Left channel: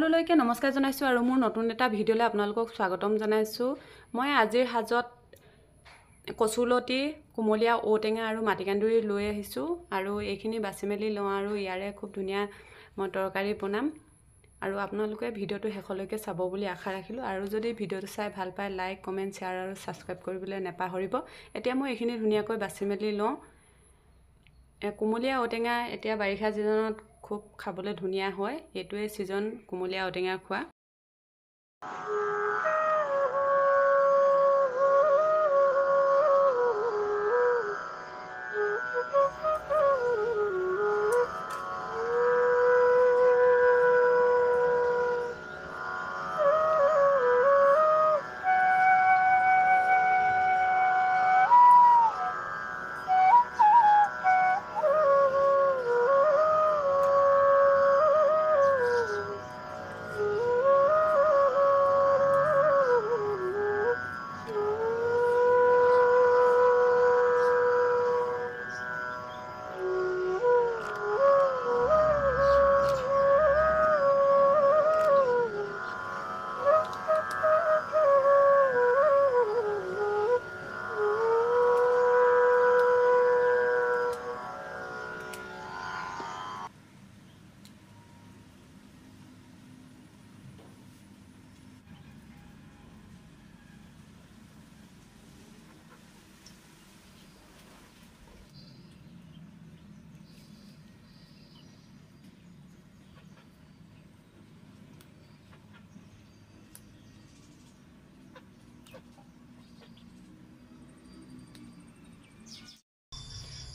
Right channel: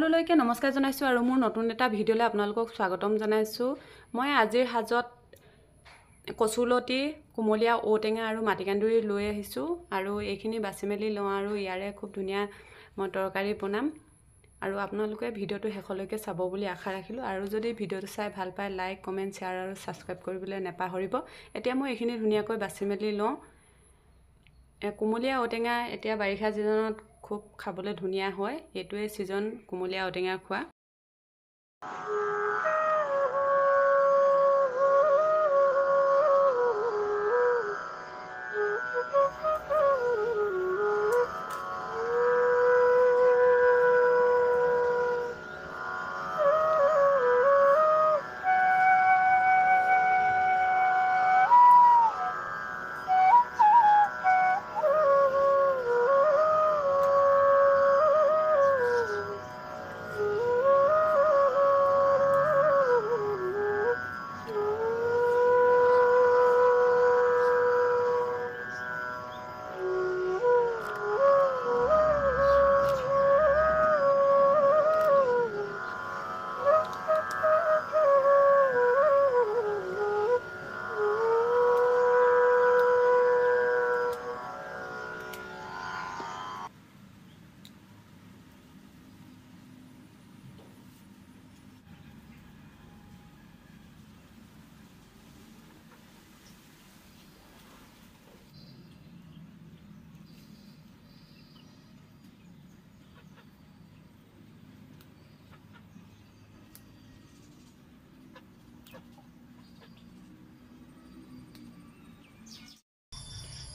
সকলোলৈকে নমস্কাৰ জনাইছো আৰু মোৰ নতুন এটা ভিডিঅলৈ আপোনালোকক স্বাগতম জনাইছো। মই আজিৰ হাজত কচুলতি, কুমলীয়া ঔটেঙা আৰু মাটিকান্দুৰি লৈ আহিছো আৰু এইখিনি বাছি মেলি লওঁ আৰু ইয়াৰে খুব ধুনীয়া মই তৰকাৰী বনাম আৰু আপোনালোকে ভিডিঅটো শেষলৈকে চাব বুলি আশা ৰাখিলো আৰু যদি ভিডিঅটো চাই ভাল পায় লাইক, কমেন্ট, শ্বেয়াৰ আৰু সাবস্ক্ৰাইব কৰিবলৈ নেপাহৰিব। এতিয়া মই এইখিনি ধুনীয়াকৈ বাছি মেলি লওঁ। কুমলীয়া ঔটেঙা এতিয়া বাৰিষা সিজনত খুব খাবলৈ ধুনীয়া হয়। এটোৱে সিজন কুমলীয়া ঔটেঙা খোৱা।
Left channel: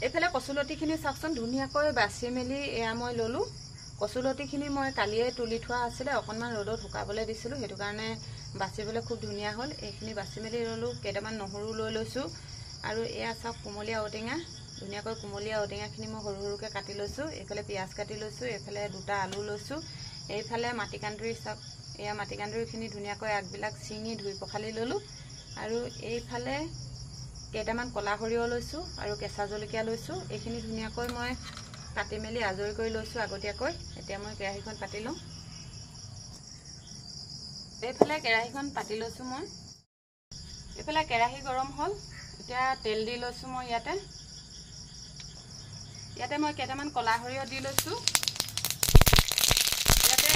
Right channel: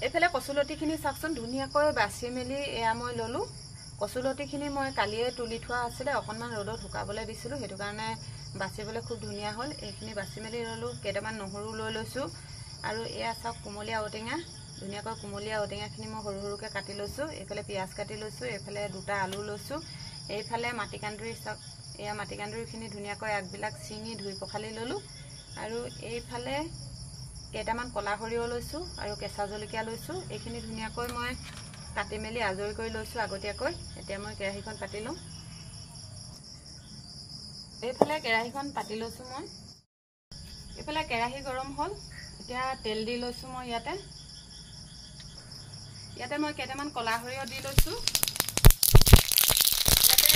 এফালে কচুলতিখিনি চাকচোন ধুনীয়াকৈ বাছি মেলি এয়া মই ললো। কচুলতিখিনি মই কালিয়ে তুলি থোৱা আছিলে, অকনমান ৰ'দত শুকাবলৈ দিছিলো, হেতু কাৰণে বাছিবলৈ খুব ধুনীয়া হ'ল। এইখিনি বাছি মেলি ললো। কেইটামান নহৰু লৈ লৈছো আৰু এয়া চাওক কুমলীয়া ঔটেঙা, ধুনীয়াকৈ কুমলীয়া ঔটেঙাখিনি মই সৰু সৰুকৈ কাটি লৈছো। এইফালে পিয়াজ কাটি লৈছো, এইফালে দুটা আলু লৈছো, এইফালে মাটিকান্দুৰি চাওক, এয়া মাটিকান্দুৰিখিনি ধুনীয়াকৈ আগবিলাক ছিঙি ধুই পখালি ললো আৰু এইফালে কেইটামান কলা সৰিয়হ লৈছো আৰু কেঁচা জলকীয়া লৈছো। এইখিনি ধুনীয়াকৈ মই কাটি মেলি আজৰি কৰি লৈছো আগতীয়াকৈ। এতিয়া মই কেৰাহীখন পাতি লওঁ। এইফালে কেৰাহীখন পাতি লৈছো মই। এইফালে কেৰাহী গৰম হ'ল। এতিয়া তেল দি লৈছো মই ইয়াতে মই কেইটামান কলা সৰিয়হ দি লৈছো। ইয়াতে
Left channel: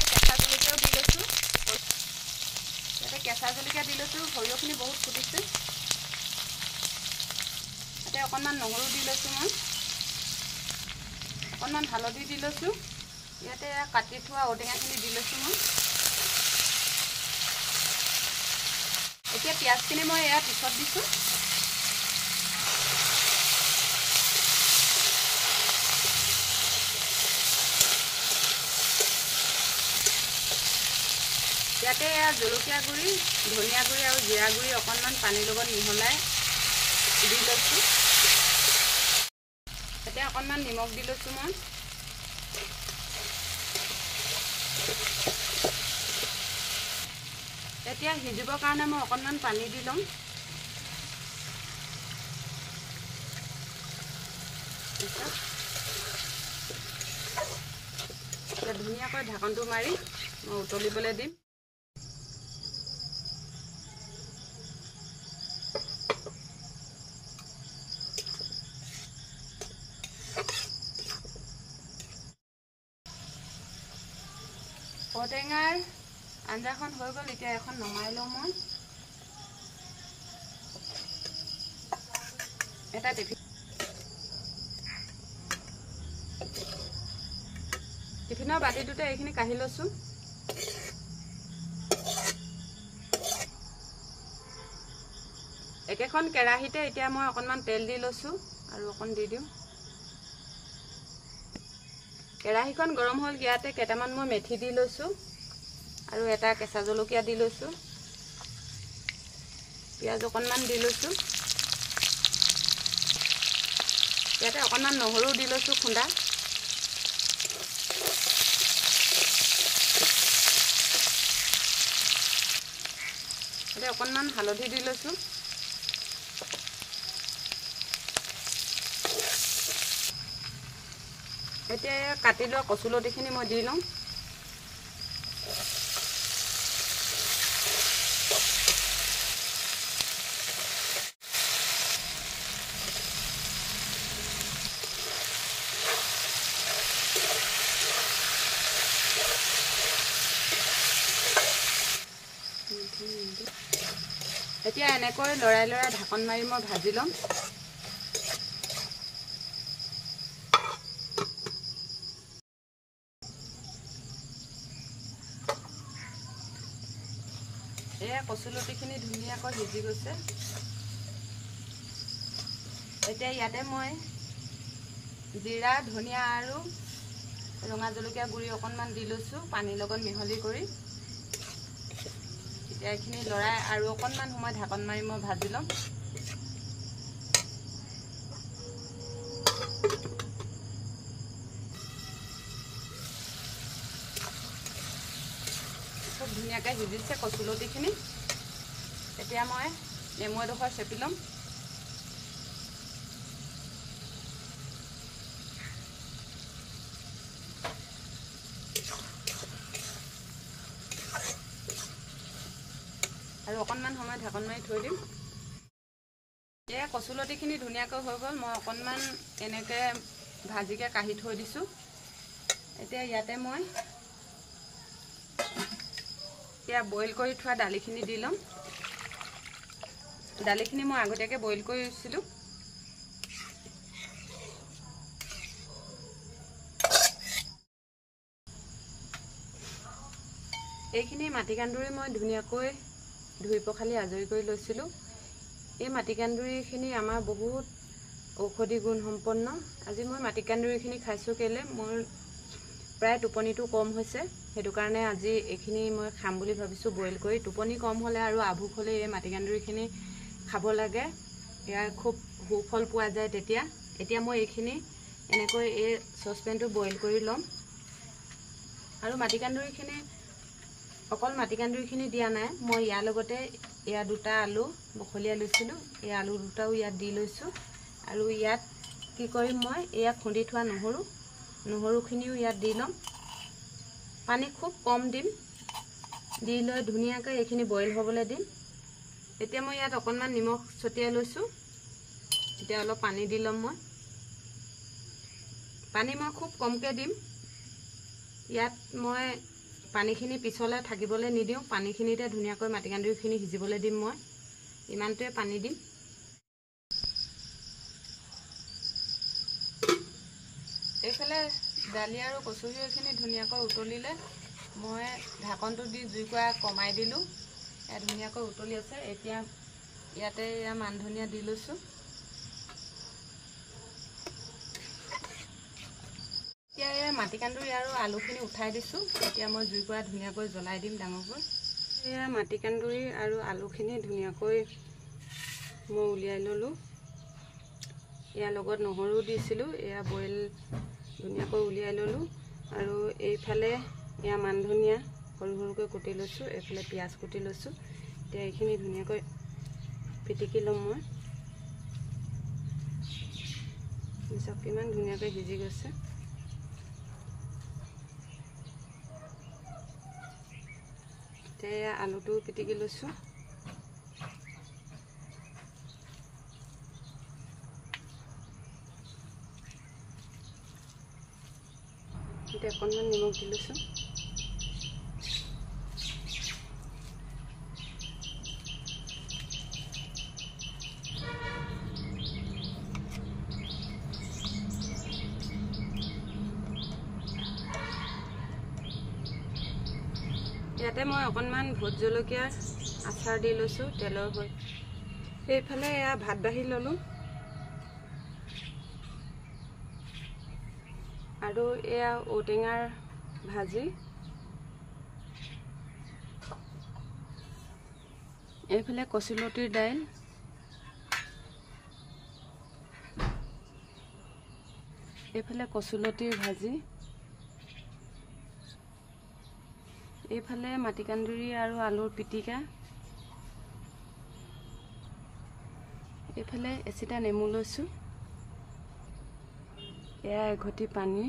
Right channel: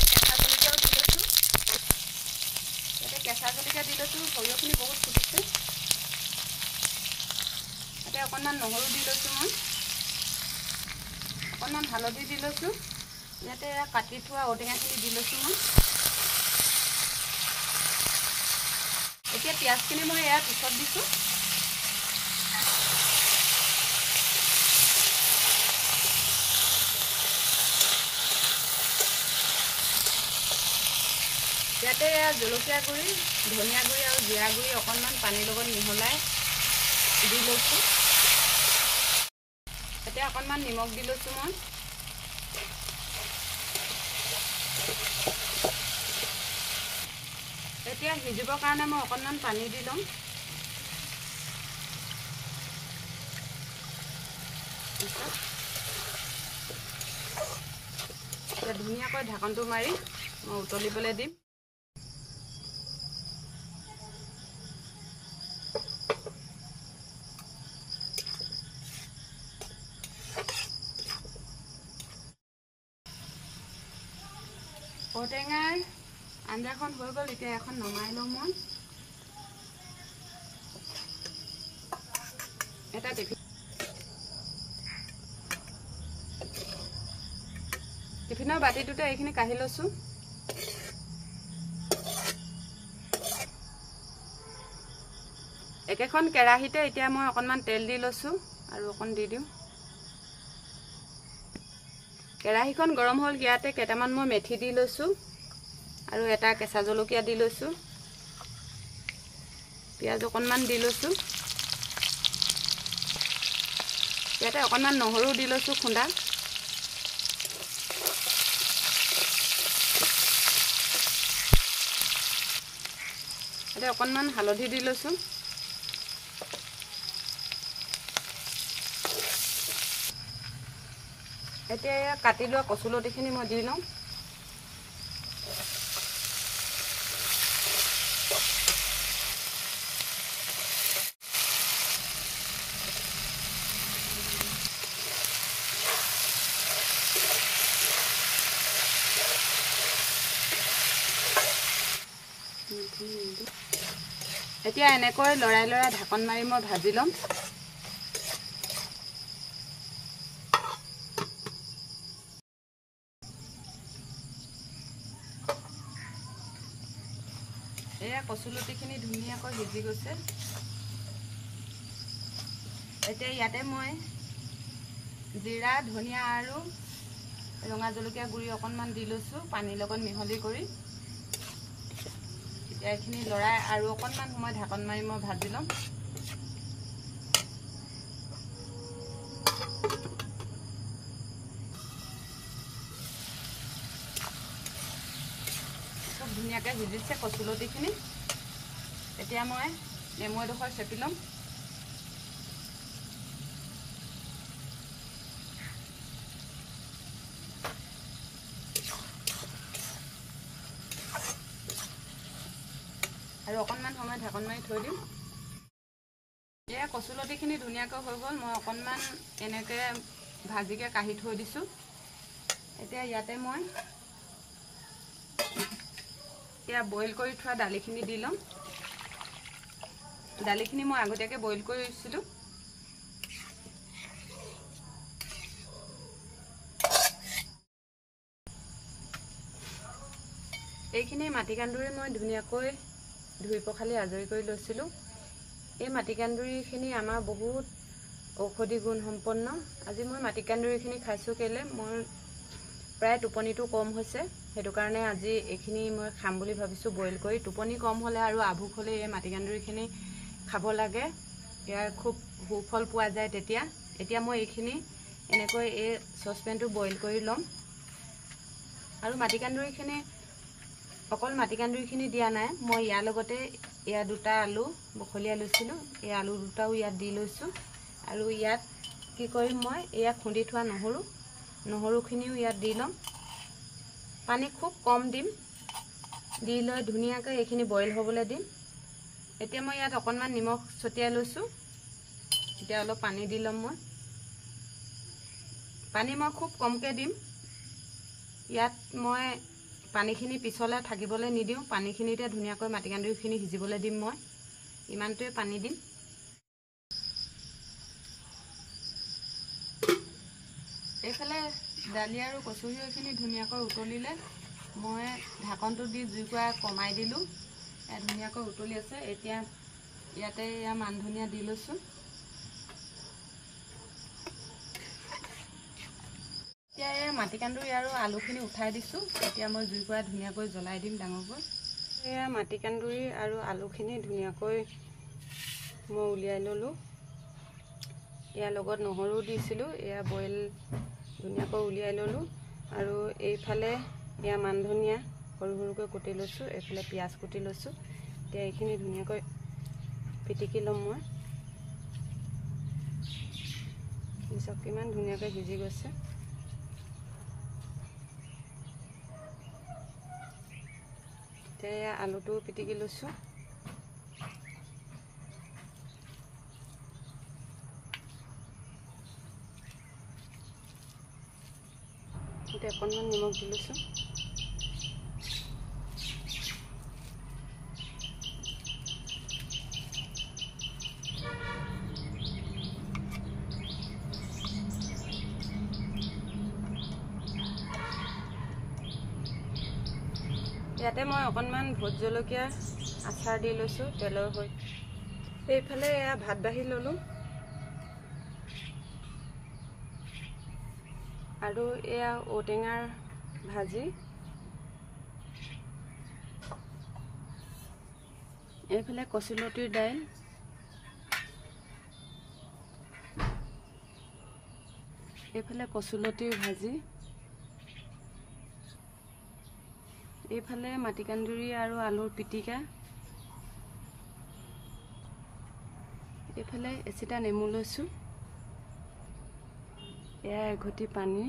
কেঁচা জলকীয়াও দি লৈছো। সৰিয়হখিনি বহুত ফুটিছে। এতিয়া অকণমান নহৰু দি লৈছো মই, অকণমান হালধি দি লৈছো। ইয়াতে কাটি থোৱা ঔটেঙাখিনি দি লৈছো মই। এতিয়া পিঁয়াজখিনি মই এয়া পিছত দিছো। ইয়াতে এয়া জলকীয়া গুড়ি, ধনিয়া গুড়ি আৰু জিৰা গুড়ি অকণমান পানীৰ লগত মিহলাই দি লৈছো। এতিয়া অকণমান নিমখ দি লৈছো মই। এতিয়া সিজিবৰ কাৰণে মই অকণমান পানী দি ল'ম। এতিয়া ধুনীয়াকৈ ঢাকনটো মাৰি মই উতলিবলৈ দিম। ঔটেঙাৰ আঞ্জাখন হৈ গ'ল। এতিয়া এখন নমাই লওঁ মই। এটা টিফিনৰ বাতিটোতে এইখিনি কাঢ়ি লৈছো। একেখন কেৰাহীতে এতিয়া মই অকণমান তেল দি লৈছো আৰু অকণ দি দিম। কেৰাহীখন গৰম হ'ল। ইয়াতে কেইটামান মই মেথি দি লৈছো আৰু এটা কেঁচা জলকীয়া দি লৈছো। পিঁয়াজ অকণমান দি লৈছো। ইয়াতে অকণমান নহৰু দি লৈছো খুন্দা। ইয়াতে অকণমান হালধি দি লৈছো। এতিয়া কাটি লোৱা কচুলতিখিনি মই দি লওঁ। এতিয়া এনেকৈ লৰাই লৰাই ঢাকন মাৰি মই ভাজি ল'ম। এয়া কচুলতিখিনি ধুনীয়াকৈ সিজি গৈছে। এতিয়া ইয়াতে মই জিৰা, ধনিয়া আৰু ৰঙা জলকীয়া গুড়ি অকণমান দি লৈছোঁ পানীৰ লগত মিহলি কৰি। এতিয়া এইখিনি লৰাই আৰু অকণমান সময় ঢাকন মাৰি মই ভাজি ল'ম। খুব ধুনীয়াকৈ সিজিছে কচুলতিখিনি। এতিয়া মই নেমু এডোখৰ চেপি ল'ম। আৰু অকণমান সময় ঢাকন মাৰি থৈ দিম। এয়া কচুলতিখিনি ধুনীয়াকৈ হৈ গ'ল। মই অকণমান এনেকৈ ভাজিকৈ কাঢ়ি থৈ দিছোঁ। এতিয়া ইয়াতে মই বইল কৰি থোৱা দালিখিনি দি ল'ম। দালিখিনি মই আগতীয়াকৈ বইল কৰি লৈছিলোঁ। এইখিনি মাটিকান্দুৰি মই ধুনীয়াকৈ ধুই পখালি আজৰি কৰি লৈছিলোঁ। এই মাটিকান্দুৰিখিনি আমাৰ বহুত ঔষধি গুণ সম্পন্ন। আজি মই মাটিকান্দুৰিখিনি খাইছোঁ কেলৈ, মোৰ প্ৰায় টোপনিটো কম হৈছে, সেইটো কাৰণে আজি এইখিনি মই খাম বুলি ভাবিছোঁ বইল কৰি। টোপনি কম হ'লে আৰু আভোক হ'লে এই মাটিকান্দুৰিখিনি খাব লাগে, ইয়াৰ খুব সুফল পোৱা যায় তেতিয়া। এতিয়া মই এইখিনি এনেকৈ এই চচপেনটো বইল কৰি ল'ম। আৰু মাটিকান্দুৰিখিনি অকল মাটিকান্দুৰিখিনি দিয়া নাই, মই ইয়াৰ লগতে এয়া 2টা আলু বখলিয়াই লৈছিলোঁ, এই আলু 2টাও ইয়াত দি লৈছোঁ। আৰু ইয়াত কি কৰিম, মই এয়া খুন্দি থোৱা নহৰুখিনিও ইয়াত দি ল'ম। পানী খুব কম দিম, দি লৈ ধুনীয়াকৈ এইখিনি বইল হ'বলৈ দিম। এতিয়া মই ইয়াত অকণমান নিমখ ছটিয়াই লৈছোঁ। এতিয়া অলপ পানী দি ল'ম। পানী মই খুব কমকৈ দিম। ইয়াত মই পানীখিনি পিছলৈ থাকিবলৈ নিদিওঁ, পানীখিনিতে ধুনীয়াকৈ মাটিকান্দুৰিখিনি সিজিবলৈ দিম। মই ইমানটোৱে পানী দিম। এইফালে দালি আৰু কচুখিনি ধুনীয়াকৈ উতলিলে মই ঢাকনটো দি জুইকুৰা কমাই দিলোঁ। এয়া ধুনীয়াকৈ উতলি আছে। এতিয়া ইয়াতে এয়া মান ধনিয়া দি লৈছোঁ। এতিয়া এই মাটিকান্দুৰি আৰু আলুখিনি উঠাই দিছোঁ। এতিয়া মই জুইকুৰা ধুনীয়াকৈ জ্বলাই দিম ডাঙৰকৈ। এয়া মাটিকান্দুৰি আৰু আলুখিনি ধুনীয়াকৈ মই উলিয়াই ল'লোঁ। ইয়াৰ লগত নহৰু দিছিলোঁ, এয়া বইল ধুনীয়াকৈ উলিয়াই ল'লোঁ। আৰু এইফালে এয়া মান ধনিয়া সৰু সৰুকৈ কুটি লৈছোঁ, এইফালে পিঁয়াজ কুটি লৈছোঁ। এতিয়া এইখিনি ধুনীয়াকৈ পিটিকি ল'ম মই। চাওক কিমান ধুনীয়াকৈ সিজি গৈছে। এতিয়া আলুটো পিটিকি লৈছোঁ। এতিয়া অকণমান নিমখ দি লৈছোঁ। ইয়াতে মই অকণমান ভোট জলকীয়া আচাৰ দি লৈছোঁ তেলৰ হৈ। এইফালে এয়া ভাত বাঢ়ি ল'লোঁ। আৰু এয়া ঔটেঙাৰ ভাজি। এইফালে কচুলতিৰ দাইল। এইফালে কচুলতিৰ ভাজি। এইফালে মাটিকান্দুৰি আৰু আলুৰ পিটিকা। এইফালে এচিটা নেমু লৈছোঁ। এয়া এঘটি পানী।